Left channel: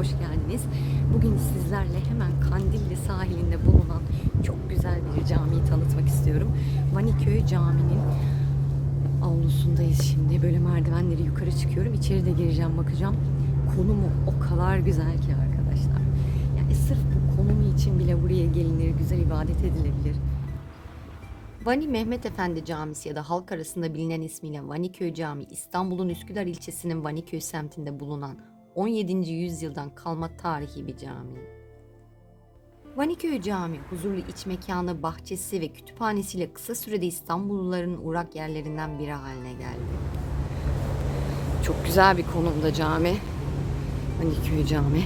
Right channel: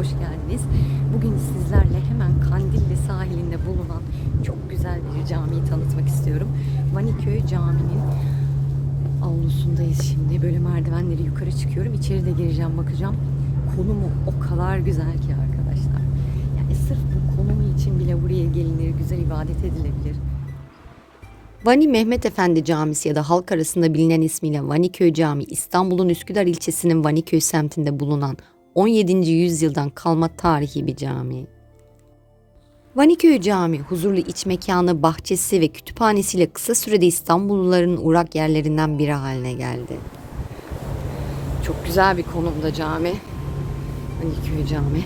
hoş geldiniz. Bugün sizlerle hemen Kandilli sahilinde bulunan çok güzel bir camiyi tanıtmak istiyorum. Vaniköy Camii'nin avlusundayız şimdi. Böyle merdivenleri yukarı çıkıyorum. İçeri de gireceğim bakacağım. Konumu o kadar güzel ki arkadaşlar. Yani sırf bu konum için bile buraya gelinir, güzel ibadet edilebilir. Vani Mehmet Efendi Camisi ya da halk arasında bilinen ismiyle Vaniköy Camii İstanbul'un Üsküdar ilçesinin Vaniköy semtinde bulunan 17. yüzyıldan kalma tarihi bir cami. Vaniköy Camii huzurlu iç mekanı, bahçesi ve kütüphanesiyle kısa sürede İstanbulluların uğrak yerlerinden biri haline geldi. Çok güzel bir konumda cami. Vaniköy Camii.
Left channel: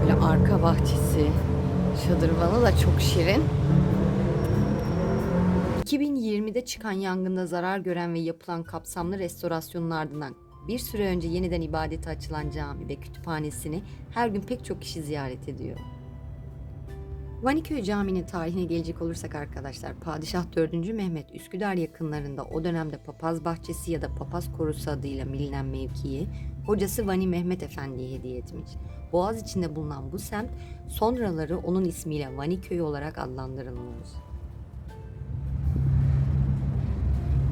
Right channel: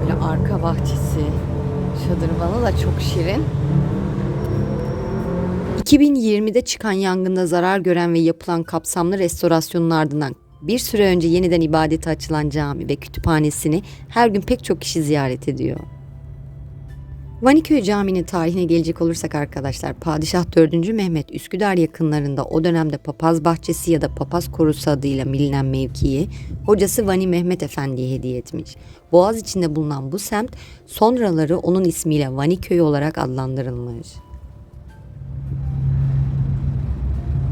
Böyle arka bahçesi, şadırvanı da çok şirin. 2020'de çıkan yangında zarar gören ve yapılan kapsamlı restorasyonun ardından bir süre önce yeniden ibadete açılan cami ve kütüphanesini her gün pek çok kişi ziyaret ediyor. Vaniköy Camii'nin tarihine gelecek olursak arkadaşlar, Padişah 4. Mehmet Üsküdar yakınlarında o dönemde Papaz Bahçesi ya da Papaz Korusu adıyla bilinen mevkiyi hocası Vani Mehmet Efendi'ye hediye etmiş. Boğaz içinde bulunan bu semt sonraları onun ismiyle Vaniköy olarak adlandırılmış.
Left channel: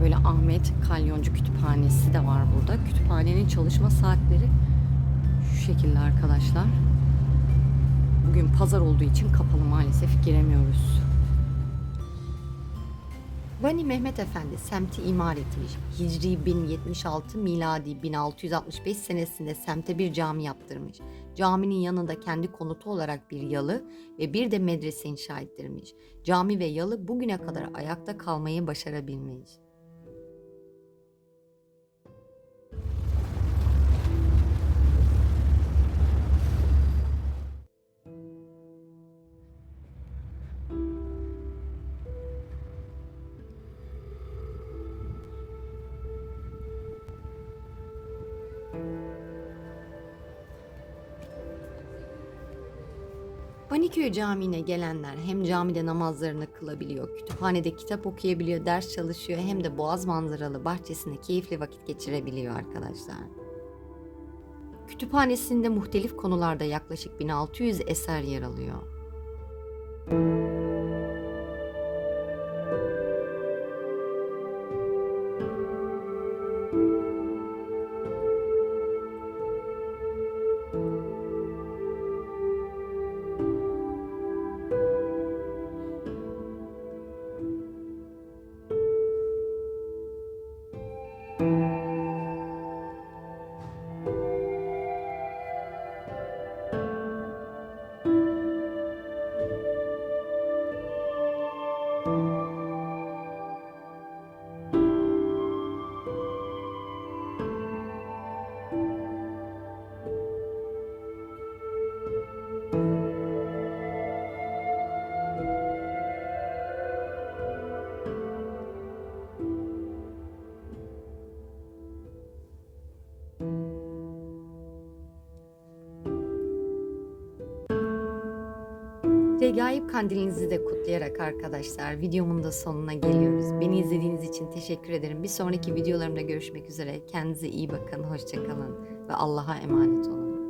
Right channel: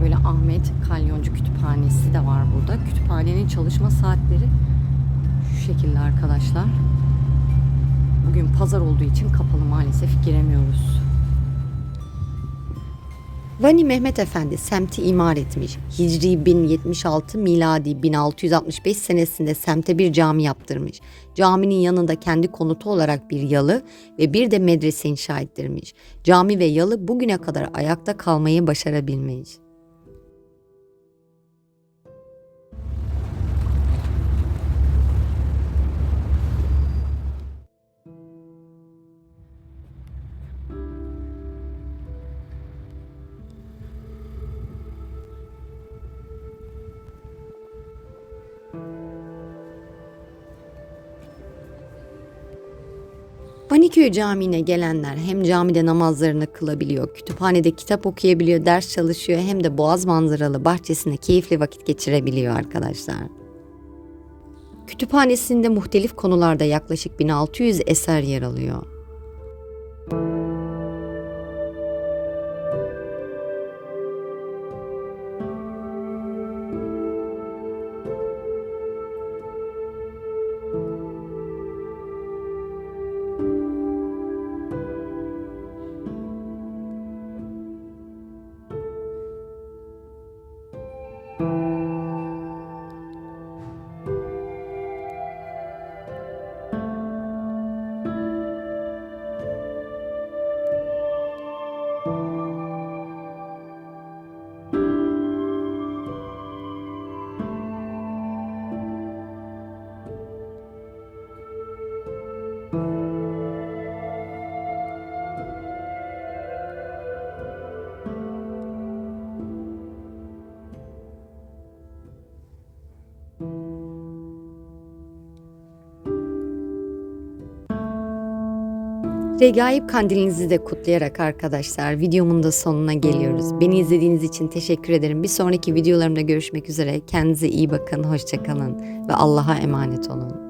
Böyle Ahmet Kalyoncu Kütüphanesi de var burada. Kütüphanenin çalışma saatleri şu şekilde arkadaşlar. Bugün pazar olduğu için kapalı maalesef giremiyoruz. Vani Mehmet Efendi semti imar etmiş. Hicri 1076 miladi 1665 senesinde semte bir cami yaptırmış. Caminin yanında kendi konutu olarak bir yalı ve bir de medrese inşa ettirmiş. Cami ve yalı bugüne kadar ayakta kalmayı başarabilmiş. Vaniköy Camii'ne gelenler hem camide namazlarını kılabiliyor, kütüphanede kitap okuyabiliyor, ders çalışıyor hem de boğaz manzaralı bahçesinde keyifli vakit geçirebiliyor arkadaşlar. Kütüphanesinde muhtelif konularda yaklaşık 1600 eser yer alıyor. Regaip kandilinizi de kutlayarak arkadaşlar videomun da sonuna geliyoruz. Beni izlediğiniz için teşekkür ederim. Bir sonraki videolarımda görüşmek üzere. Kendinize iyi bakın, hoşçakalın ve Allah'a emanet olun.